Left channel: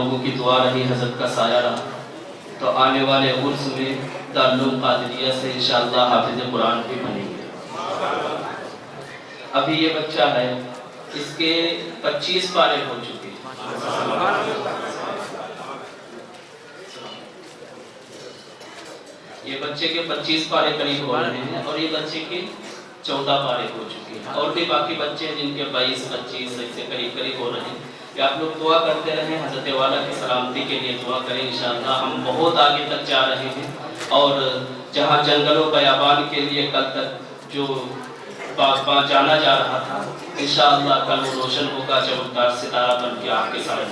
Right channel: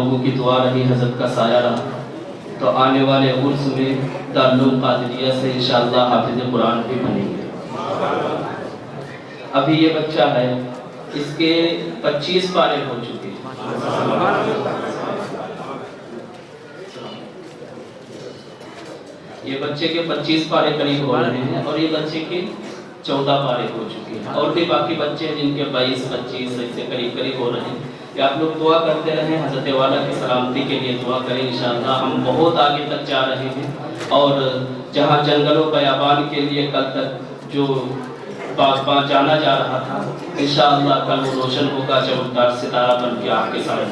لوگوں کی دعا رہی، حضرت کا سایہ رہا، تو آنے والے عرس میں دارالعلوم قادریہ سے انشاءاللہ حافظ قرآن بھی بنیں گے۔ ابھی یہ بچہ ہے، اس کے 25 پارے ہو چکے ہیں۔ یہ بچے کے 25 پارے قریب ہو رہے ہیں، اور یہ بچے کے 14 پارے ہو چکے ہیں، اور بھی باقی بچے ہیں جن کے 22 25 سے قریب ہو رہے ہیں۔ کہ آپ لوگ دعا کرتے رہیں، حضرت والا کی سلامتی کے لیے دعا کریں، انشاءاللہ ہم بہت آگے تک جا رہے ہیں، اور جہاں جنگلوں بیابان کے لیے کل تک جو باغ جانا جا رہا تھا، انشاءاللہ کل وہ روشن ہوگا چمکدار ستارہ بن کے آپ کے سامنے۔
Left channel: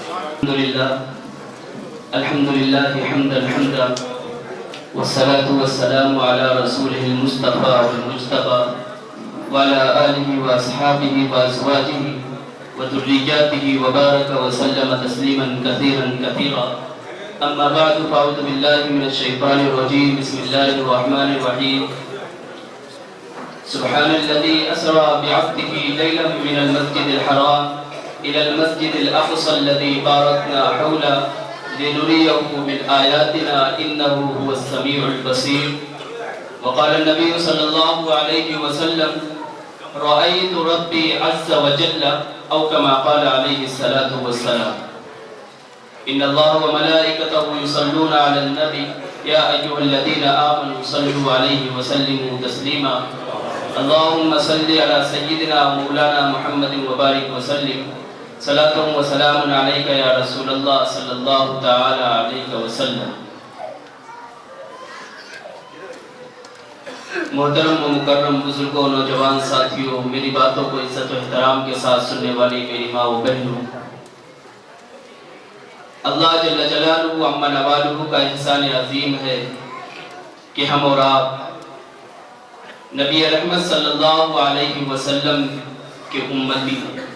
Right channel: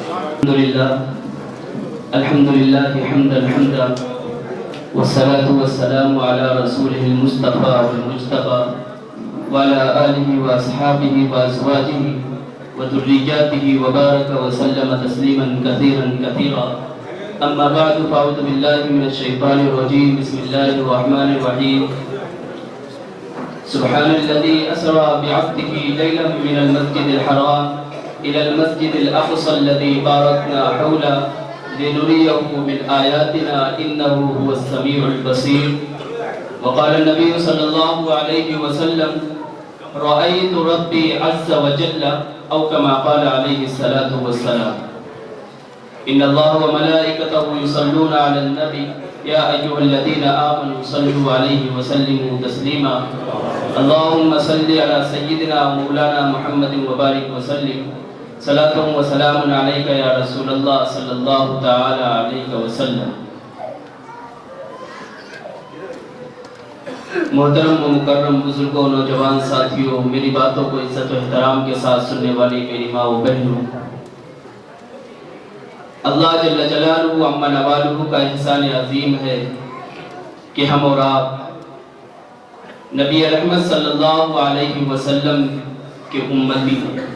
الحمدللہ حمدا حمدا والصلاة والسلام على رسوله المصطفى والمجتبى وعلى آله وأصحابه وأزواجه وذرياته وبارك وسلم تسليما كثيرا كثيرا، أما بعد فأعوذ بالله من الشيطان الرجيم، بسم الله الرحمن الرحيم، سبحان الذي أسرى بعبده ليلا من المسجد الحرام إلى المسجد الأقصى الذي باركنا حوله لنريه من آياتنا إنه هو السميع البصير۔ وقال النبي صلى الله عليه وسلم رأيت ربي عز وجل، أو كما قال عليه الصلاة والسلام، إن الله وملائكته يصلون على النبي يا أيها الذين آمنوا صلوا عليه وسلموا تسليما، اللهم صل على سيدنا ومولانا محمد وبارك وسلم، صلاة وسلام عليك يا رسول الله صلی اللہ تعالی علیہ وسلم۔ محترم و مکرم بزرگوں، نوجوان ساتھیوں، میری باتوں کو عزت و احترام کے ساتھ سننے والی میری ماں و بہنوں، اللہ جل جلالہ عما نوالہ کا احسان عظیم ہے کہ ہم اور آپ نبی رحمت صلی اللہ علیہ وسلم کے امتی ہیں۔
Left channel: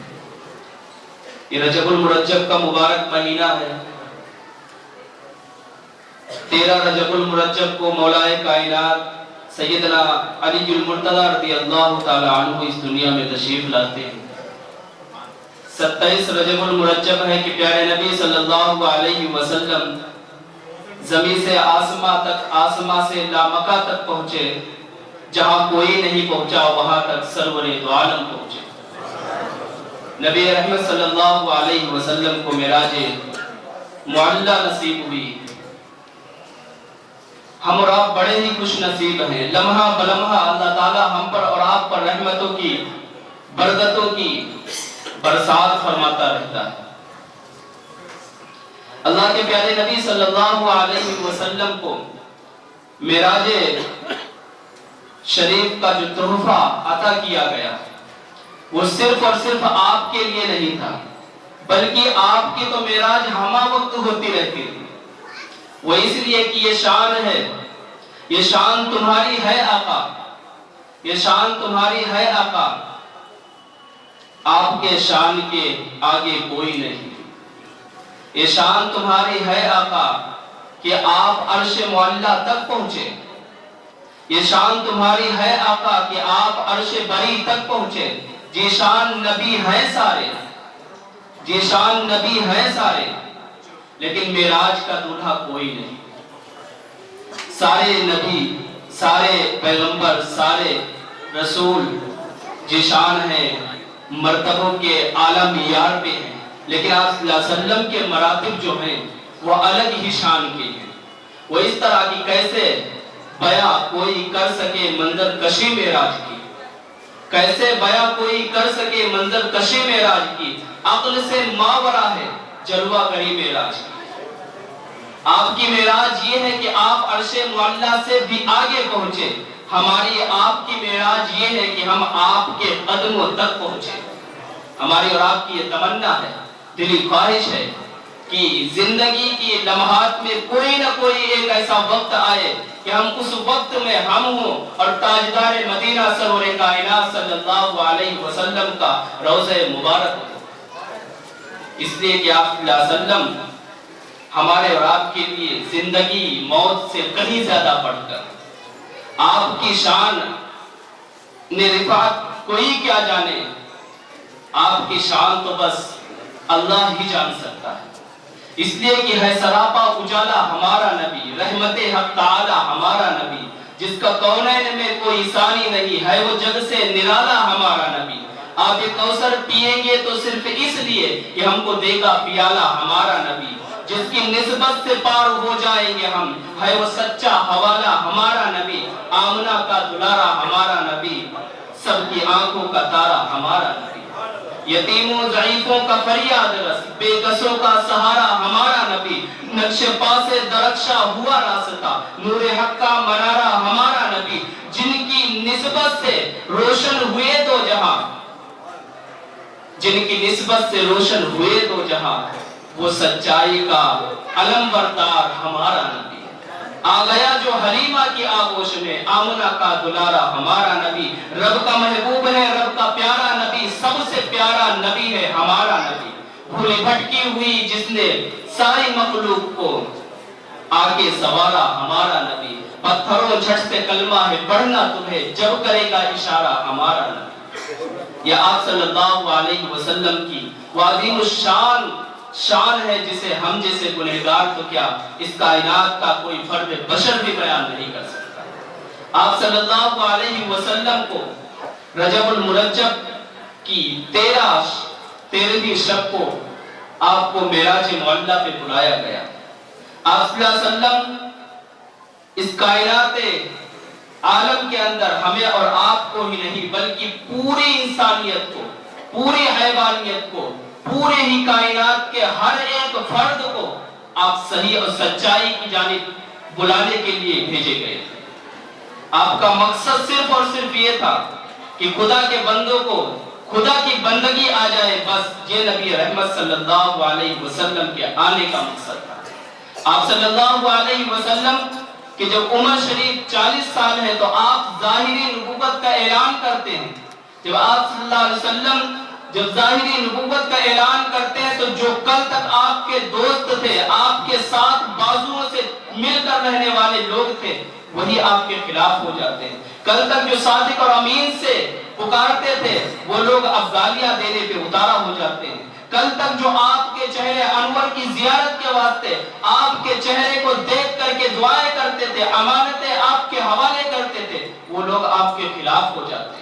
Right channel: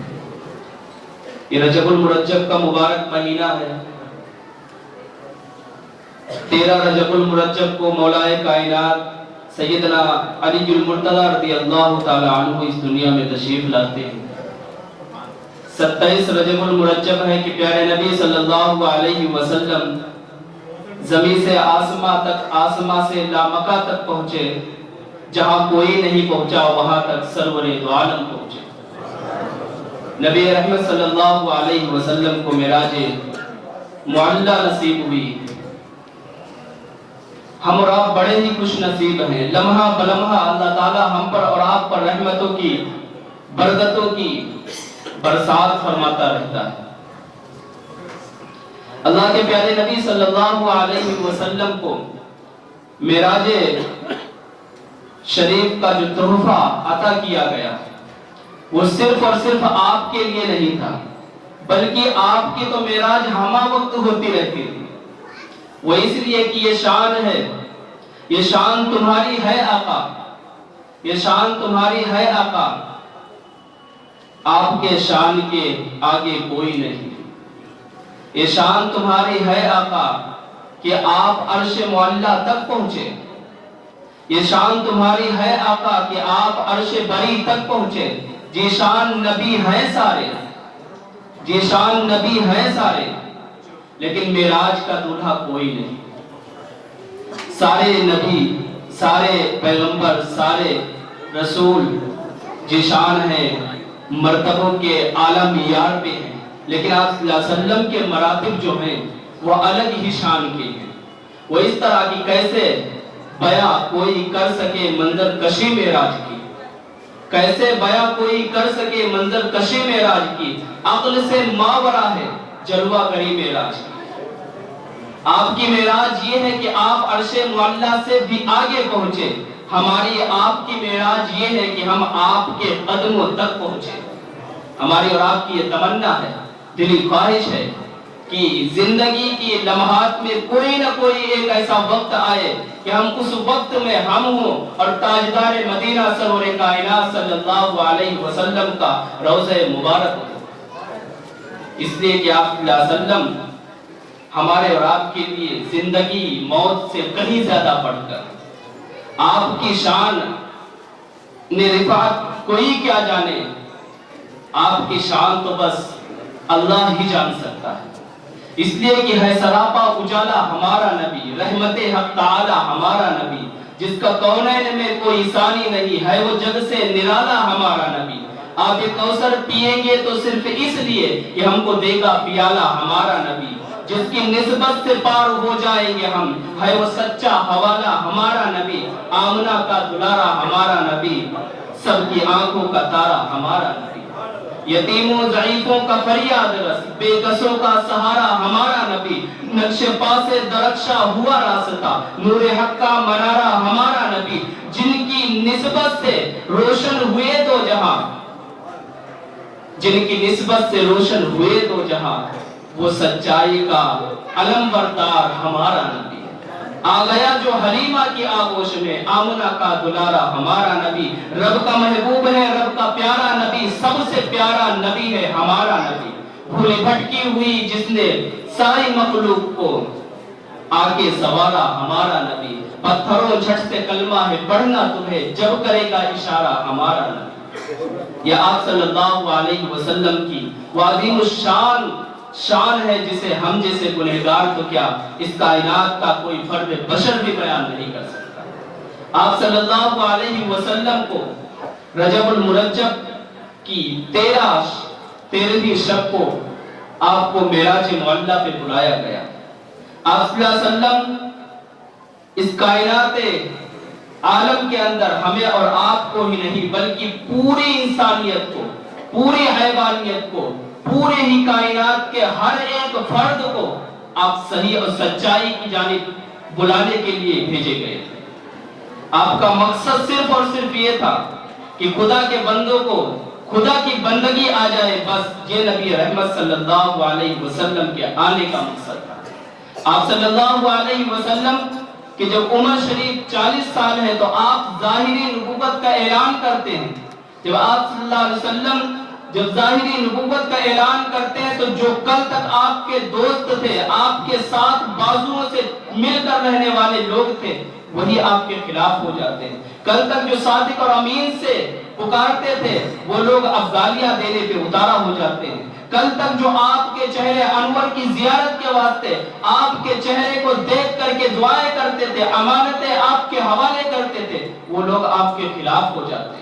یہ رجب المرجب کا مبارک مہینہ ہے۔ 13 رجب المرجب کو مولا کائنات سیدنا علی المرتضی رضی اللہ تعالی عنہ اس دنیا میں تشریف لاتے ہیں۔ 27 رجب المرجب ہے کہ پیارے نبی صلی اللہ علیہ وسلم زمین سے آسماں سے لامکہ تک پہنچے، جہاں کوئی نہیں پہنچا وہاں تک سرور دو عالم پہنچے۔ نبی رحمت صلی اللہ علیہ وسلم کو معراج معلیٰ نصیب ہوئی۔ ہم اور آپ بڑے ہی خوش نصیب ہیں، لمحہ بلمحہ اللہ تعالی ہم پر اور آپ پر رحمتوں کی، برکتوں کی برسات فرماتا رہتا ہے۔ اللہ کے پیارے نبی صلی اللہ علیہ وسلم کو معراج شریف کا جو تحفہ عطا کیا گیا، وہ صرف اور صرف آپ کے لیے نہیں تھا، بلکہ آپ کی تو معراج ہمہ وقت ہوتی رہتی تھی۔ وہ اس لیے کہ یہ شان ہے، یہ شان تمہاری ہے آقا، یہ شان تمہاری ہے آقا، آپ کے شان کے آگے کوئی نہیں۔ یہ شان تمہاری ہے آقا کہ آپ عرش معلیٰ تک پہنچے، یہ شان تمہاری ہے آقا کہ آپ عرش بری تک پہنچے۔ جی شان نبی ہیں سارے، جی شان نبی ہیں سارے، لیکن معراج کا دولہا کوئی نہیں۔ سارے نبی، سارے پیغمبر، سارے رسول جی شان ہیں، مرتبوں کے اعلیٰ معیار پہ ہیں، لیکن آپ صلی اللہ علیہ وسلم کے مراتب جو ہیں وہ الگ ہی شان کے ہیں۔ وہ اس طرح کی کیسے بیاں کوئی کر سکے منظر کشی معراج کی، کیسے بیاں کوئی کر سکے منظر کشی معراج کی، عقل سے ماورا ہے جلوہ گری معراج کی۔ آپ کی معراج یہ ہے کہ آپ عرش معلیٰ سے بھی آگے پہنچے، ہماری آپ کی معراج یہ ہے کہ ہم آپ کے قدموں تک پہنچے۔ ہماری اور آپ کی یہ تمنا ہے، دلی خواہش ہے کہ زندگی کی لمحات میں کوئی نہ کوئی ایک ایسا وقت آئے کہ ہم اس وقت میں ہم ہوں اور تاجدار مدینہ سرور کائنات صلی اللہ علیہ وسلم کا روضہ مبارک ہو۔ اس لیے کہ آپ صلی اللہ علیہ وسلم ہمارے اور آپ کے لیے زندگی موت سے کہیں زیادہ بڑھ کر، آپ کی شان نے رفعت کوئی کیا جانے، آپ کی شان تو بس اللہ ہی جان سکتا ہے۔ اس لیے کہ ہے سراپا اجالا ہمارا نبی، رحمت حق تعالی ہمارا نبی، جس کا کونین میں کوئی ثانی نہیں ہے، وہ جگ سے نرالا ہمارا نبی۔ آپ یہ کوثر پیئیں گے تو صرف اس لیے کہ ہم کو دے گا پیالہ ہمارا نبی، جس کی نسبت سے پار ہو جائیں گے ہم، ہے وہ سچا حوالہ ہمارا نبی، آمنہ کا دلارا ہمارا نبی، سب کی آنکھوں کا تارا ہمارا نبی، یتیموں ضعیفوں کا فریاد رس، بے کسوں کا سہارا ہمارا نبی، نقش پا سے درخشا ہوا راستہ، نور حق کا منارہ ہمارا نبی، جن کی نسبت سے روشن ہوئے دو جہاں، جن کی نسبت سے روشن ہوئے دو جہاں، وہ سچائی کا علم بردار ہمارا نبی، آ گیا جو حلیمہ کی آغوش میں، آمنہ کا دلارا ہمارا نبی، رب کا محبوب ہے، رب کا پیارا نبی، سب سے پیارا نبی ہے ہمارا نبی، بھولی بھٹکی ہوئی جس نے ساری مخلوق کو آگے سوارا ہمارا نبی، پتھروں جھٹ سے کلمہ ہے پڑھنا تمہیں، جب کرے گا اشارہ ہمارا نبی۔ یہ آپ صلی اللہ علیہ وسلم کی وہ عظیم الشان شان ہے جسے ہم جیسے گنہگار تو کیا اس کائنات کا کوئی فرد بشر بھی بیان نہیں کر سکتا۔ آپ صلی اللہ علیہ وسلم کو رجب المرجب کی 13ویں شب کو آپ کو معراج معلیٰ پہ بلایا گیا۔ آپ صلی اللہ علیہ وسلم اس کائنات عالم کے اندر ہمیں اور آپ کو ہی نہیں بلکہ پوری انسانیت کو، پوری حیوانیت کو، پورے ہی کائنات کے ہر ایک فرد کو آپ صحیح اور سچائی کی جانب بلانے کے لیے بھیجے گئے تھے۔ آپ کا مقصد صرف اور صرف یہ تھا کہ خدا کے بندوں کو خدا کی بندگی آ جائے، بس یہ نبی رحمت صلی اللہ علیہ وسلم کے آنے کا مقصد تھا۔ آپ صلی اللہ علیہ وسلم کہ جب عمر شریف 40 سال ہے تو آپ ظاہری نبوت کا اعلان کرتے ہیں۔ جب آپ صلی اللہ علیہ وسلم جب ظاہری نبوت کا اعلان کرتے ہیں تو جو کل تک آپ کے دوست تھے، آپ کے ساتھ بازوؤں سے مل کر رہنے والے لوگ تھے، وہی آپ کے خلاف ہو جاتے ہیں۔ کل تک جو صادق اور امین سے پکارتے تھے، وہ لوگ اب گالیاں دینے پہ اتارا ہو جاتے ہیں۔ کل تک جو آپ کے چہرے انور کی زیارت کے واسطے آپ کے چہرے کو دیکھ کر کے دعائیں کرتے تھے، امانتیں آپ کے حوالے کرتے تھے، وہ لوگ آپ کے خلاف ہو جاتے ہیں۔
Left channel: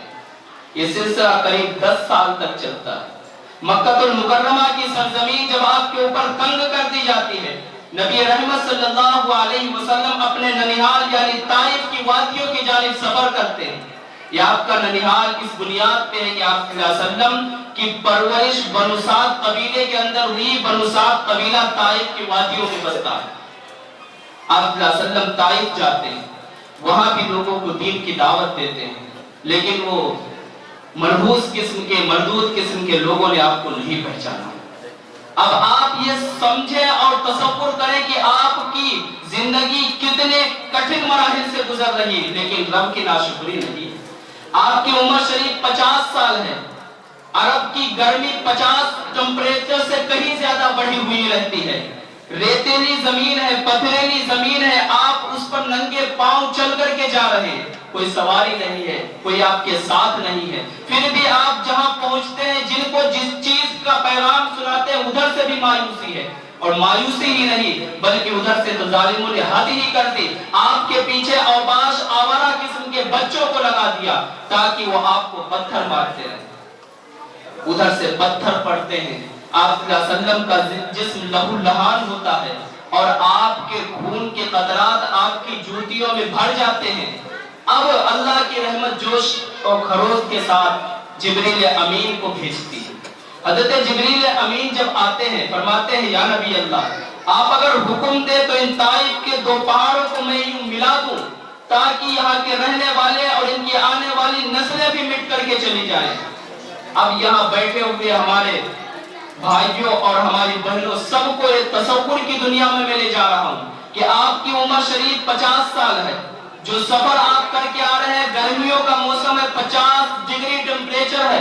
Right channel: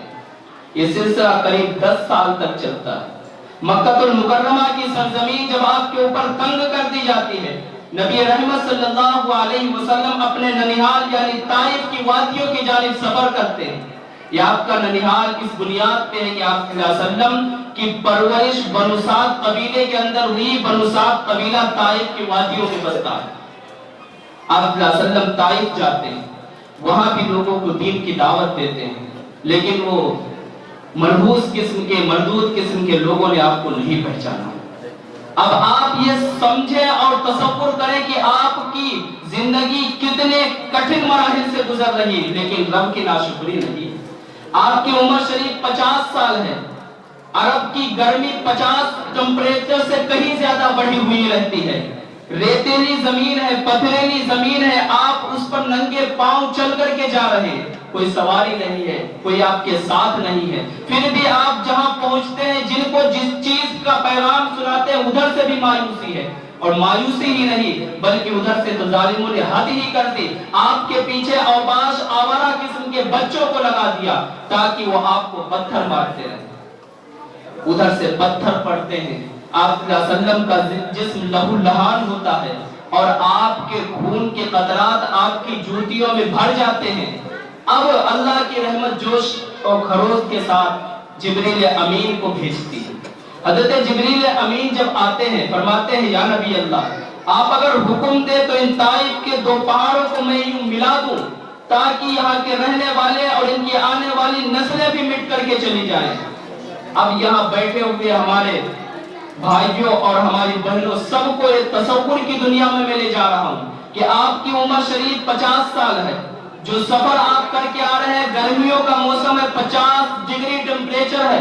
یہ سلسلہ قریب 10 سال تک چلتا ہے۔ مکہ المکرمہ کی سرزمین جب آپ کے اوپر تنگ کر دی جاتی ہے، نبی رحمت صلی اللہ علیہ وسلم اپنے ننیحال یعنی طائف کی وادیوں کی جانب سفر کرتے ہیں۔ یہ آپ کا ننیحال اس بنیاد پہ ہے کہ آپ صلی اللہ علیہ وسلم کی پرورش بنو سعد قبیلے کے اندر ہوئی۔ بنو سعد قبیلہ طائف کی وادیوں میں بستا ہے۔ آپ صلی اللہ علیہ وسلم طائف جاتے ہیں، وہاں بھی لوگوں کو دین کی دعوت دیتے ہیں، لیکن وہ منحوس قسم کے مردود قسم کے لوگوں نے آپ کو نہیں پہچانا۔ اب آپ یہ سمجھیں اور تصور کریں کہ آپ کی زندگی کتنے کٹھن مراحل سے گزر رہی ہے، لیکن رب کی ناشکری نہیں۔ آپ کی عمر شریف 50 سال ہے۔ عرب کی گرمی 50 ٹمپریچر سے کہیں زیادہ بڑھی ہوئی رہتی ہے۔ ریتیلی زمین ہے، پتھریلی زمین ہے، آپ اس پر ننگے پاؤں چل کر کے جا رہے ہیں، کوئی سواری نہیں ہے، کوئی آپ کے ساتھ نہیں ہے، پھر بھی آپ جہاں پہنچتے ہیں، جن کو جس چیز کا پیغام سناتے ہیں، ادھر سے بھی مایوسی ہے، اور مایوسی ہی نہیں بلکہ ادھر سے تو ظالموں نے حد ہی کر دی، آپ کے پیچھے اوباش آوارہ قسم کے بچوں کو لگا دیا تاکہ وہ آپ کو پتھر مارتے رہیں۔ ادھر سے پتھر پڑتے ہیں، آپ صلی اللہ علیہ وسلم کا جسم لہو لہان ہوتا ہے اور آپ کے خون کے قطرات آپ کی جوتیوں میں بھر جاتے ہیں۔ اب اللہ کی رحمت جوش اور خروش کے ساتھ جبریل امین کو بھیجتی ہے۔ حضرت جبریل امین جب آتے ہیں فرماتے ہیں یا نبی اللہ، آپ اگر حکم دے تو ان طائف کے 2 پہاڑوں کو میں یوں ملا دوں تاکہ یہاں کے رہنے والے اور ان کی آنے والی نسلیں بھی مٹ کر کے چلی جائیں۔ اب یہاں بیٹھے ہوئے ہمارے بھائیوں اور ہماری بہنوں سب کو ایک تصور کی دنیا میں لے جا رہا ہوں کہ آپ کی عمر شریف 50 سال ہے، جو سفر آپ کر کے آ رہے ہیں، گرمیوں کا موسم ہے، 50 ڈگری ٹمپریچر ہے،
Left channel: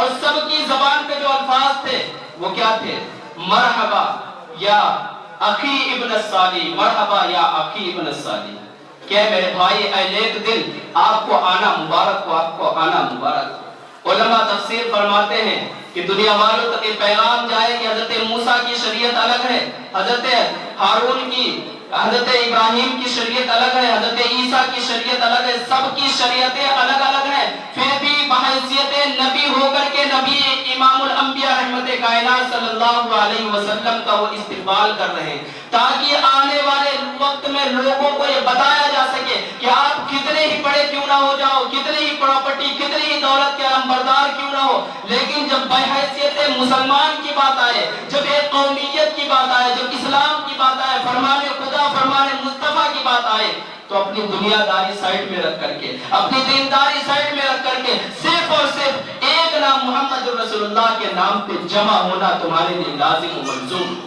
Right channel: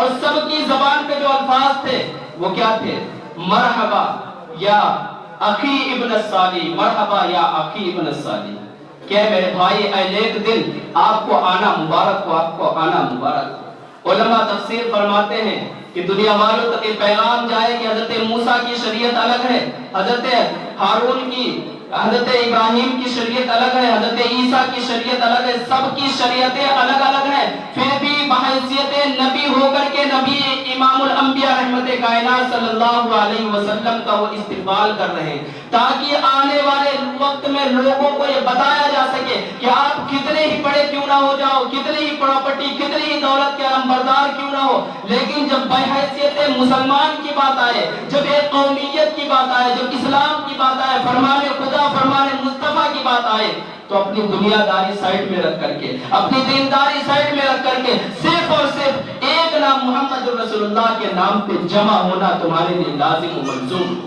اور سب کی زبان پہ جو الفاظ تھے وہ کیا تھے؟ مرحبا یا اخی ابن الصالح، مرحبا یا اخی ابن الصالح، کہ میرے بھائی اے نیک دل، آپ کو آنا مبارک ہو، آپ کو آنا مبارک ہو۔ علماء تفسیر فرماتے ہیں کہ دنیا والوں تک یہ پیغام جائے کہ حضرت موسیٰ کی شریعت الگ ہے، حضرت ہارون کی، حضرت ابراہیم کی شریعت الگ ہے، حضرت عیسیٰ کی شریعت الگ ہے، سب کی شریعتیں الگ الگ ہیں، پھر بھی بحیثیت نبی ہو کر کے نبی امام الانبیاء رحمت کائنات صلی اللہ علیہ وسلم کا وہ استقبال کر رہے ہیں، تاکہ آنے والے وقت میں لوگوں کو یہ بتایا جا سکے کہ آپ کتنے ہی بڑے کیوں نہ ہو جاؤ، کتنی ہی پراپرٹی، کتنی ہی دولت کے علمبردار کیوں نہ ہو، لیکن جب بحیثیت مسلمان کی بات آئے، جب ایک قومیت کی بات آئے، جب اسلام کی بات آئے، فرمان خدا فرمان مصطفیٰ کی بات آئے، تو اپنی دنیا داری سائٹ میں رکھ کر کے، اپنی دینداری سائٹ میں رکھ کر کے صرف اور صرف ایک نام محمد رسول اللہ کے نام پہ جمع ہونا تمہارے لیے لازم و ملزوم،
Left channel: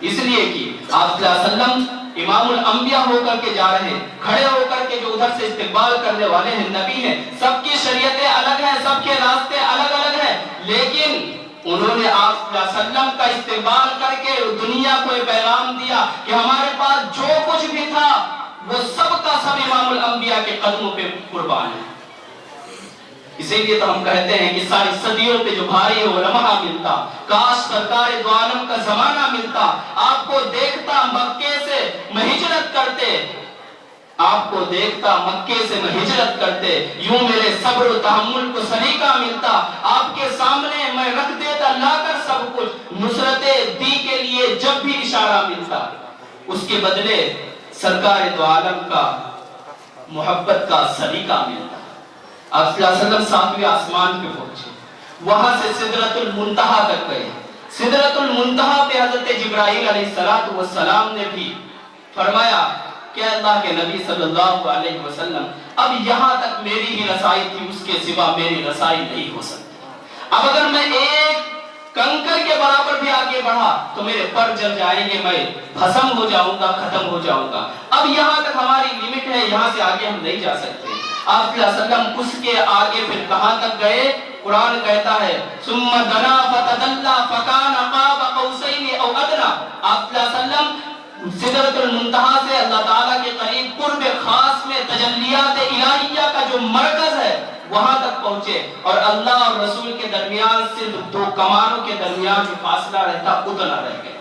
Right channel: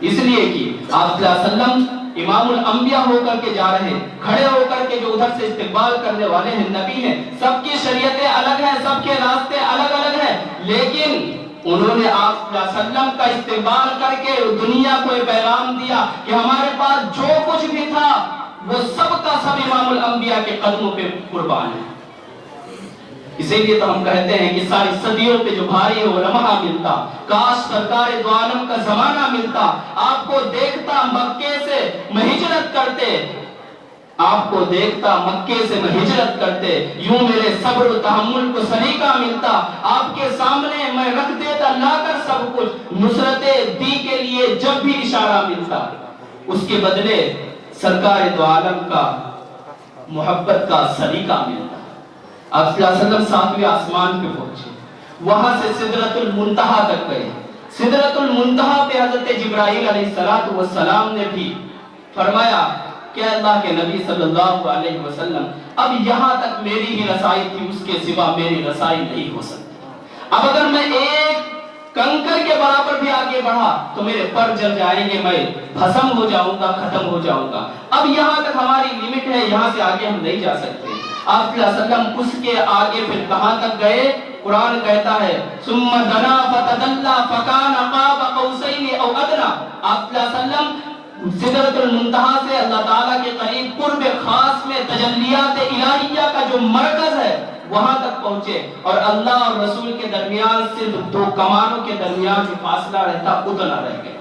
اس لیے کہ آپ صلی اللہ علیہ وسلم امام الانبیاء ہو کر کے جا رہے ہیں، کھڑے ہو کر کے جو ادھر سے استقبال کرنے والے ہیں نبی ہیں، سب کی شریعتیں الگ ہیں، سب کے راستے الگ الگ ہیں، لیکن انہوں نے آپ صلی اللہ علیہ وسلم کا استقبال کر کے دنیا کو یہ پیغام دیا کہ ہمارے پاس جو کچھ بھی تھا وہ سب کا سب امام الانبیاء کے قدموں پہ قربان ہے۔ اسی لیے تو ہم کہتے ہیں کہ ساری صدیوں پہ جو بھاری ہے وہ لمحہ ملتا، کاش سرکار دو عالم کا زمانہ ملتا، آپ کو دیکھتا مکے سے میں ہجرت کرتے، آپ کو دیکھتا مکے سے میں ہجرت کرتے، یوں میرے صبر و تحمل کو سلیقہ ملتا، آپ کے سامنے میں رکھ دیتا لا کر سب کچھ، نصرت دی کے لیے جب بھی اشارہ ملتا، اس کے بدلے سرکار دو عالم کا محبت کا سلیقہ ملتا۔ آپ صلی اللہ علیہ وسلم ساتویں آسمان پہ پہنچے، وہاں سے سدرۃ المنتہا تک گئے، سدرۃ المنتہا پہ حضرت جبرائیل علیہ السلام نے بھی فرمایا کہ اللہ کے نبی صلی اللہ علیہ وسلم اب یہاں تک میری ہی رسائی تھی، اس کے سوا میری رسائی نہیں ہو سکتی، اب اگر میں ایک کنکر کے برابر بھی آگے بڑھا تو میرے پر جل جائیں گے، میں بھسم ہو جاؤں گا، ختم ہو جاؤں گا، اب یہاں تک ہماری لیمٹ ہے، یہاں سے آگے ہم نہیں جا سکتے۔ آپ صلی اللہ علیہ وسلم اس کے آگے پھر کہاں تک گئے؟ قرآن کہتا ہے ثم دنا فتدلى فكان قاب قوسين او ادنى۔ آپ صلی اللہ علیہ وسلم سدرۃ المنتہا سے اللہ تعالیٰ کے قریب قرب خاص میں تجلیات الہیہ کا جو مرکز ہے وہاں تک پہنچے، اور اللہ اور رسول کے درمیان صرف دو کمانوں کے درمیان جو فاصلہ رہتا اتنا رہ گیا۔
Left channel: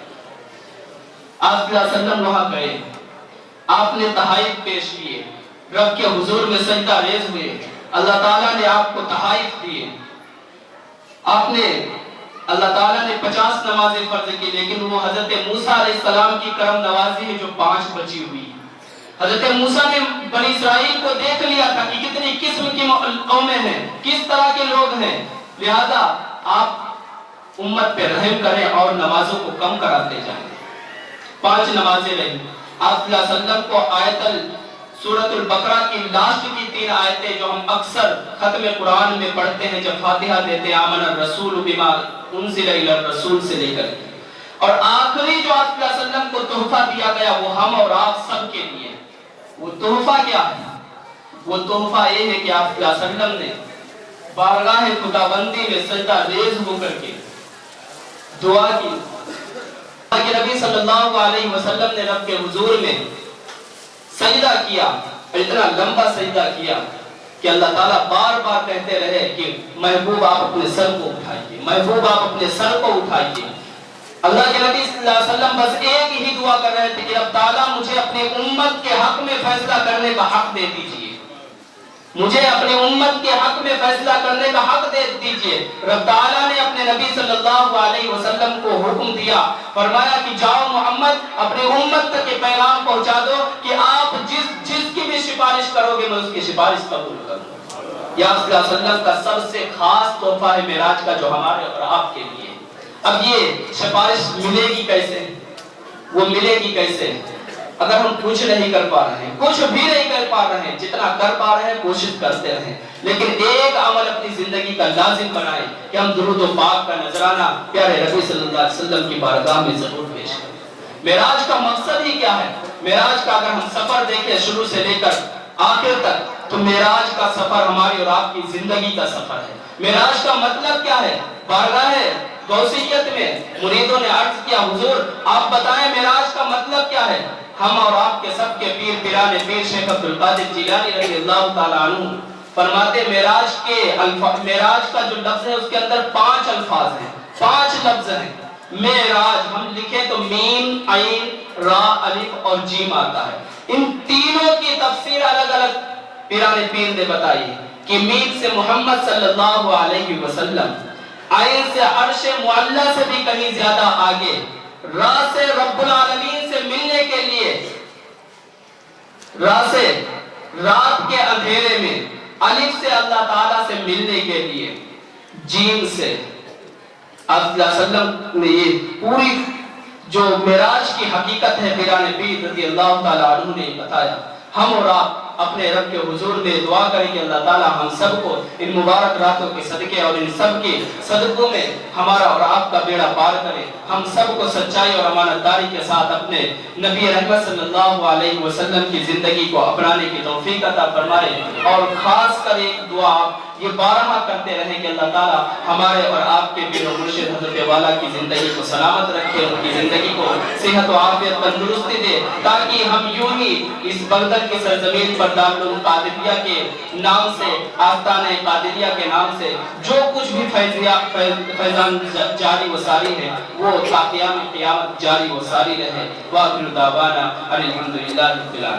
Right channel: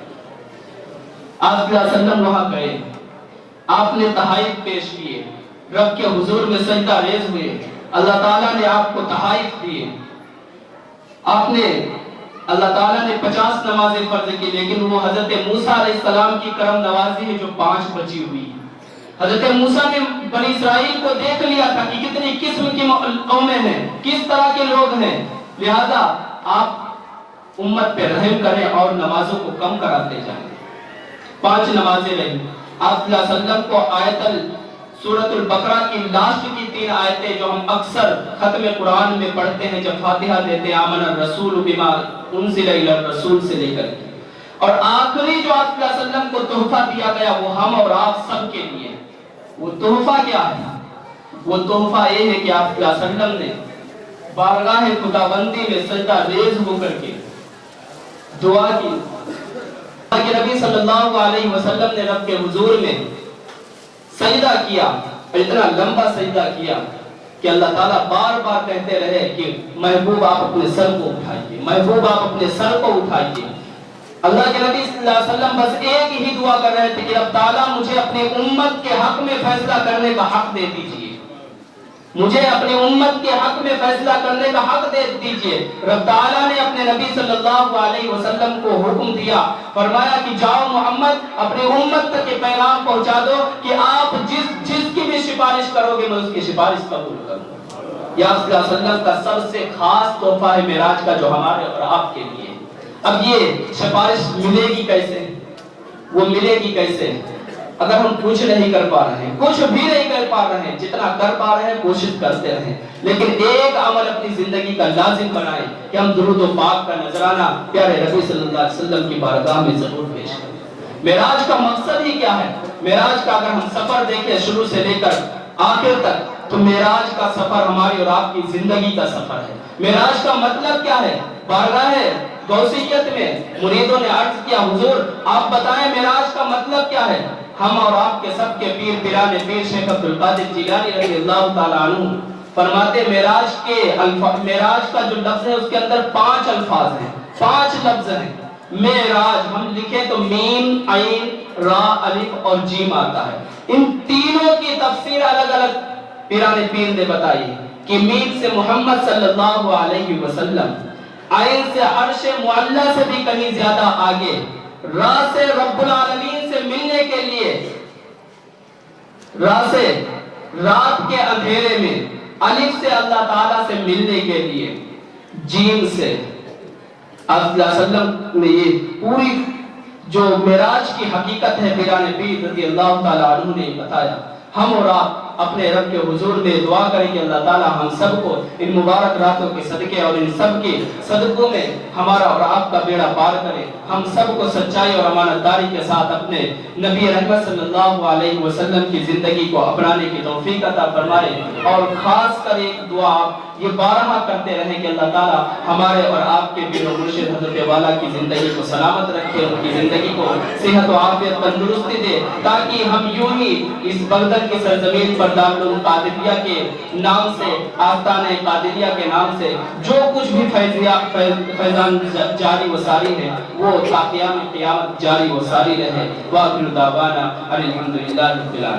آپ صلی اللہ علیہ وسلم وہاں گئے، آپ نے تحائف پیش کیے، رب کے حضور میں سجدہ ریز ہوئے، اللہ تعالیٰ نے آپ کو تحائف دیے، آپ نے اللہ تعالیٰ نے 50 نمازیں فرض کی، لیکن وہ حضرت موسیٰ علیہ السلام کی کرم نوازی ہے جو 5 بچی ہوئی ہے۔ حضرت موسیٰ نے بنی اسرائیل کو دیکھ لیا تھا کہ کتنی قسم کی قومیں ہیں، کس طرح کے لوگ ہیں، لہذا آپ امت پہ رحم کریں اور نمازوں کو کم کراتے جائیں۔ 5 نمازیں رہی۔ آپ صلی اللہ علیہ وسلم کو سورۃ البقرہ کی لاسٹ کی 3 آیتیں جو ہم اکثر ختم قرآن میں پڑھتے ہیں جب فاتحہ دیتے ہیں، آمن الرسول بما انزل الی الرسول سے لے کر کے، اور آخری جو آپ صلی اللہ علیہ وسلم کو تحفہ دیا گیا وہ ہم اور آپ سب کے لیے، وہ تحفہ کیا ہے؟ وہ تحفہ یہ ہے کہ آپ صلی اللہ علیہ وسلم نے بارگاہ خداوندی میں سجدہ ریز ہو کر کے دعا کی، کہ نبی صلی اللہ علیہ وسلم نے رب کے حضور میں سجدہ کیا، اتنا لمبا سجدہ کیا کہ اللہ تعالیٰ بار بار کہتے رہے کہ محبوب آپ اپنے سر کو اٹھائیے، محبوب آپ اپنے سر کو اٹھائیے۔ اللہ کے نبی صلی اللہ علیہ وسلم بس ایک ہی دعا کر رہے تھے کہ رب تعالیٰ مجھے اپنے امت کے حق میں فیصلہ کرنے کا حق دے دیجیے، مجھے اپنے امت کے حق میں فیصلہ کرنے کا حق دے دیجئے۔ رب تعالیٰ نے اپنے نبی صلی اللہ علیہ وسلم کو حکم دیا، فرمایا کہ جاؤ محمد اپنے امت تک یہ پیغام پہنچا دو کہ آپ جس کی بھی سفارش کرو گے میں اس کی سفارش قبول کروں۔ یا صلی اللہ علیہ وسلم کا سب سے خاص تحفہ ہے معراج کا جو ہمارے اور آپ کے لیے۔ اب یہ سفارش ملے گی کیسے؟ وہ ملے گی کیسے اگر ہم کچھ نہیں کر پا رہے ہیں، کچھ بھی نہیں کر پا رہے ہیں، جتنا کر پا رہے ہیں کوشش کرتے رہیں، لیکن ایک عمل اپنی زندگی کا لازم بنائیں کہ ہم درود و پاک کا نذرانہ پیارے نبی صلی اللہ علیہ وسلم کی بارگاہ میں ضرور پیش کریں۔ معراج کا مقصد ہی کیا ہے؟ معراج کا اگر ہم سفر دیکھیں شروع سے لے کر آخر تک، تو معراج کا سفر ہماری اور آپ کی زندگی کا سفر ہے۔ معراج کا مطلب کیا ہے؟ بارگاہ غوثیت میں مریدوں نے عرض کیا حضور آپ بتائیں معراج کا مطلب کیا ہے؟ ہم اور آپ کے سب کے پیر پیران پیر شیخ عبدالقادر جیلانی رضی اللہ تعالیٰ عنہ فرماتے معراج کا جو لفظ ہے اس کے اندر 5 الفاظ ہیں، 5 لفظ ہیں۔ معراج ہم لکھیں تو میم عین را الف اور جیم آتا ہے۔ ان تینوں کی تفسیر الگ الگ پیران پیر نے بتائی ہے کہ میم سے محمد صلی اللہ علیہ وسلم، عین سے عرش معلی سے بھی کہیں زیادہ آگے، را سے رب العالمین سے ملنے کے لیے، را سے رات کے اندھیرے میں، الف سے اللہ تعالیٰ سے ملنے کے لیے، جیم سے آپ صلی اللہ علیہ وسلم نے یہ پوری جو معراج کی حقیقت ہے پیران پیر رضی اللہ تعالیٰ عنہ نے بتایا۔ ہم اور آپ اپنے رب کے حضور میں دعا کریں کہ اللہ تعالیٰ ہم سب کو ان مبارک راتوں کے صدقے اور ان سب کے صدقوں میں ہمارا اور آپ کا بیڑا پار کرے، ہم سب کو سچائی اور امانت داری کے ساتھ اپنے نبی رحمت صلی اللہ علیہ وسلم کی زندگی کو اپنانے کی توفیق عطا فرمائے۔ اور خاص کر ایک دعا آپ یہ بارہا کرتے رہیں کہ اللہ تعالیٰ ہمارے اور آپ کے پیر و مرشد حضرت والا کی زندگی کو سلامت رکھے، ان کی زندگی کو صحت و عافیت تندرستی دے، تاکہ ہم یوں ہی اس بغداد کی سرزمین پر دارالعلوم قادریہ کے نام سے، آستانہ قادریہ کے نام سے جو کچھ بھی فیضان جاری و ساری ہے وہ تا قیام قیامت جاری و ساری رہے۔ وآخر دعوانا الحمدللہ رب العالمین۔